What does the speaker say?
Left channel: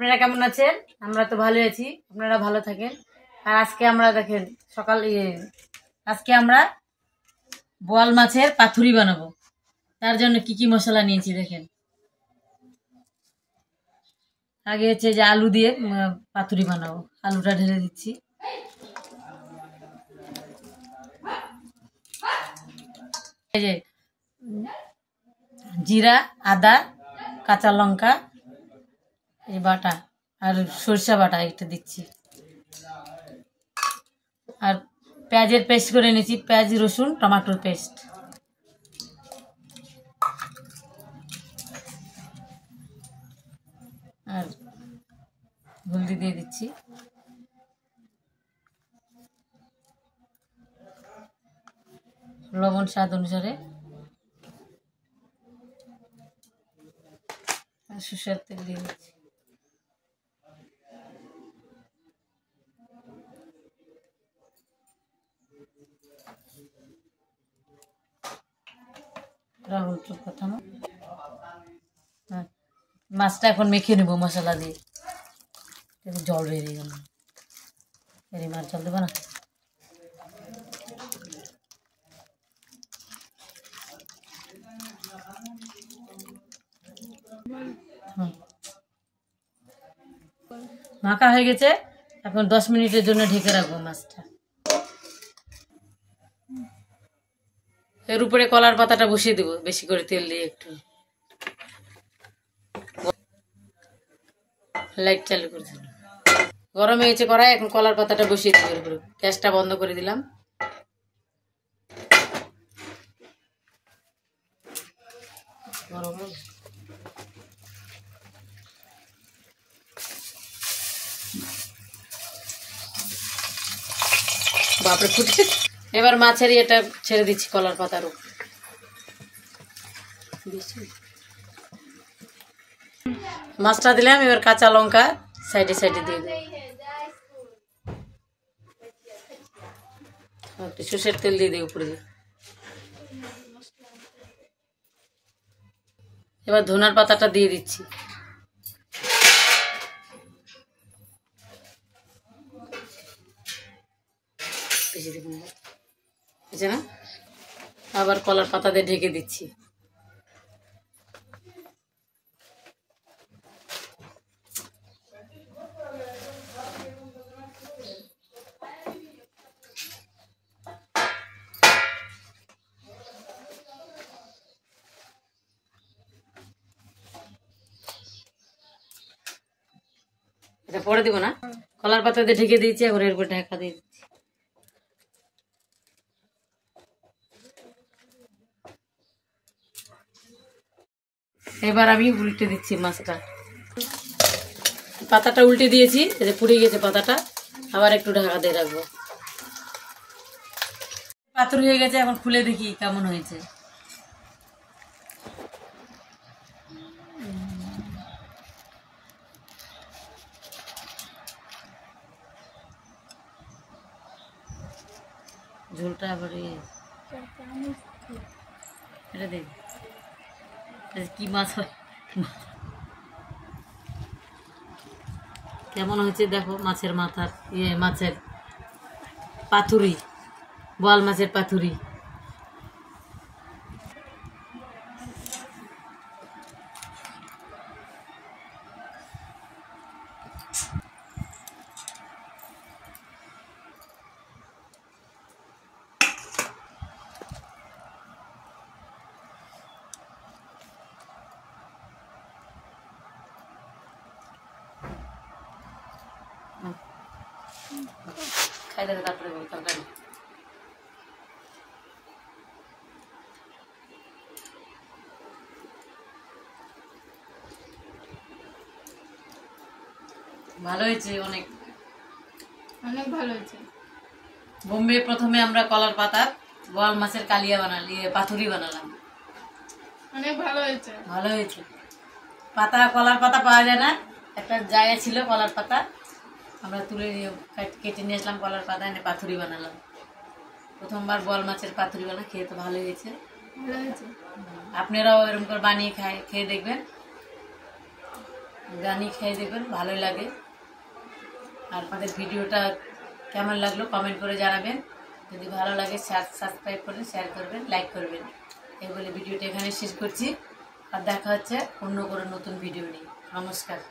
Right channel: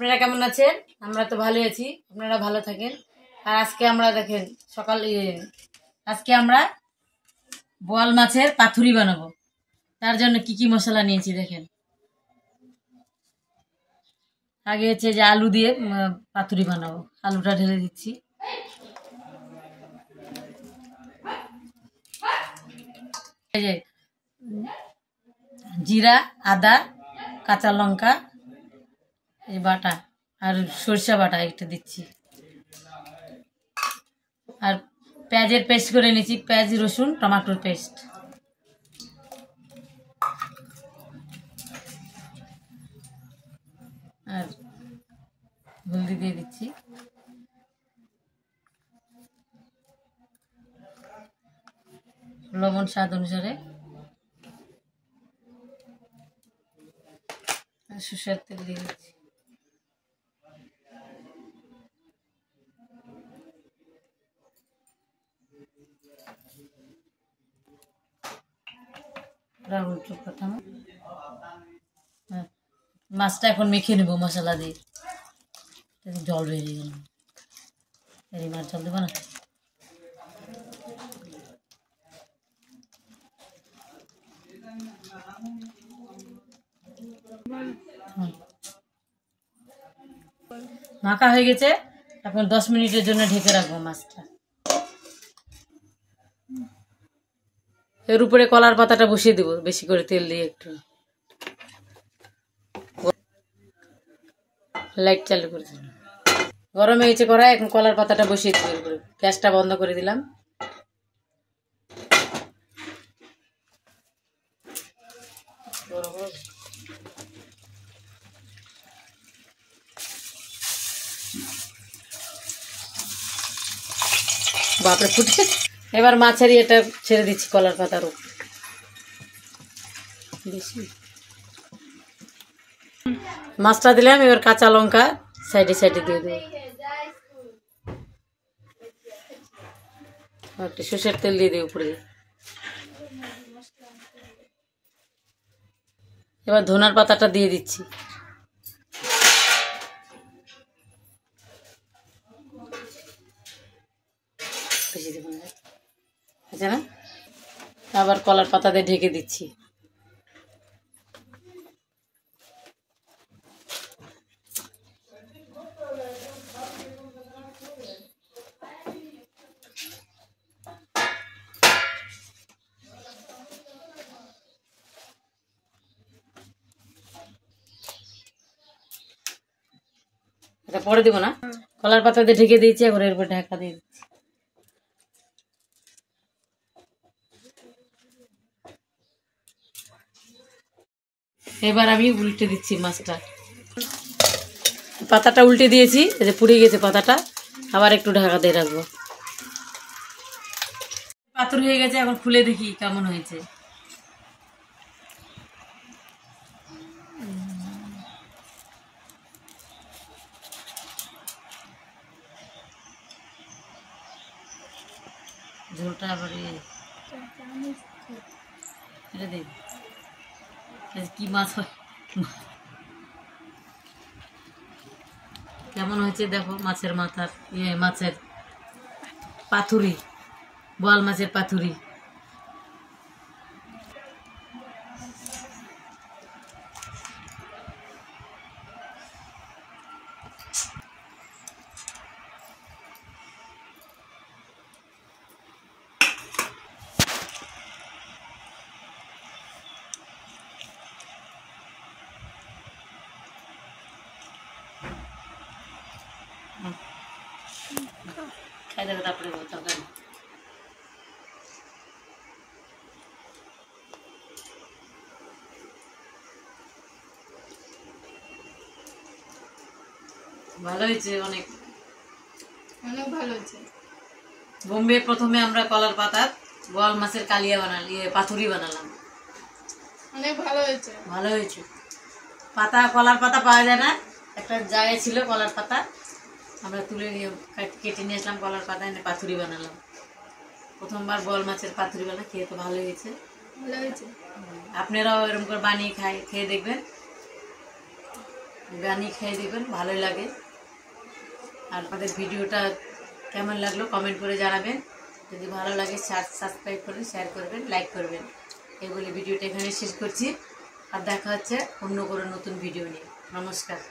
আপনারা কেমন আছেন? আমরা তো ভালো আছি, আপনারা ভালো থাকেন। আর আজকে আমরা দেখেন আজকে আমরা বোয়াল মাছের পাতুরি বানাবো। তার জন্য কি কি মশলা নিয়েছি দেখেন। আগে হচ্ছে যে আলু দিয়ে পাতুরি বানাবো। আলুটা ঢেলে দিচ্ছি। এই যে জিরা, আদা, কাঁচা লঙ্কা এই বাটা আর সরষা বাটা একটা দিচ্ছি। আর পেঁয়াজের পেস্ট করে নিয়েছি, পেঁয়াজ রসুন টমেটোর পেস্ট। আর হলদি দিয়ে দিচ্ছি। লবণ স্বাদ অনুসারে। আর সরষের তেল দিয়ে দিচ্ছি। মাছটা এখন মেখে নেবো মশলা দিয়ে। জল বেরিয়ে গেল, মাছ জল দেবো না। মাখা হয়ে গেছে, এখন 10 মিনিটের জন্য ঢেকে রাখবো মাছটা। এর উপরে কলার পাতাটা বসিয়ে দেবো বেশি করে তেল দিয়ে একটু। লাইট চালু করে দিলাম, গরম হয়েছে কড়াই, এখন কলার পাতাটা বসিয়ে দিব। গ্যাসটা বন্ধ করে দিলাম। বাপরে ফুটে। এবার মাছের এটা ছেড়ে দিচ্ছি কলার পাতার উপর। মাছটা দিলাম, এবার কাঁচা লঙ্কা সাইডে সাইডে দিয়ে দেবো। একটু সরষের তেল দিয়ে দিই উপরে। এবার ধনার পাতাটা দিয়ে দিচ্ছি। বেশি দেবো না, আচ্ছা না। আবার কলার পাতা দিয়ে ঢেকে দিচ্ছি। এটা পরে দিব না, কলার পাতা দিয়ে ঢেকে দিয়েছি। এখন এর উপর ঢাকা দিয়ে দিচ্ছি। এবার আমি উল্টে দিচ্ছি মাছটা। পাতাটা উল্টে দিয়েছি, পুড়ে গেছে পাতাটা। আবার একটু ঢাকা দিয়ে রাখবো। পাথর হয়ে গেছে, এখন খুলে দেখি কেমন হয়েছে। ঝোলটা আবার এটা দেখ কি মাছ হয়, কেমন হয়েছে দেখো। মাছের মাথার মাছের পাতুরি, বোয়াল মাছের পাতুরি। খাই দেখো, তারপরে তরকারি। ভালো হয়েছে, অনেক অনেক ভালো হয়েছে। বোম্বে প্রথমে আমরা কলার পাতার বোয়াল মাছের কালিয়া পাতুরি বানালাম। অনেক ভালো হয়েছে, ভালো হয়েছে। পাতা কলার পাতা পাওয়া যায় না, একটা জায়গায় ছিল কলার পাতা, আমরা তুলে কেটে নিয়ে আসলাম কলার পাতা, এনে পাতুরি বানালাম। প্রথমবার বোয়াল মাছের পাতুরি বানা, খেয়ে তো ভালো হয়েছে। আপনারাও এরকম করে বানিয়ে খেয়ে দেখবেন। বানিয়ে খেয়ে দেখবেন, ভালোই লাগে। আর আমাদের ভিডিওটা কেমন লাগলো কমেন্ট করে জানাবেন। যদি ভালো লাগে সাবস্ক্রাইব করে শেয়ার করবেন, লাইক করবেন। এই বলে ভিডিওটা এখানে শেষ করছি। আর দেখা হচ্ছে অন্য কোনো নতুন ভিডিও নিয়ে। নমস্কার।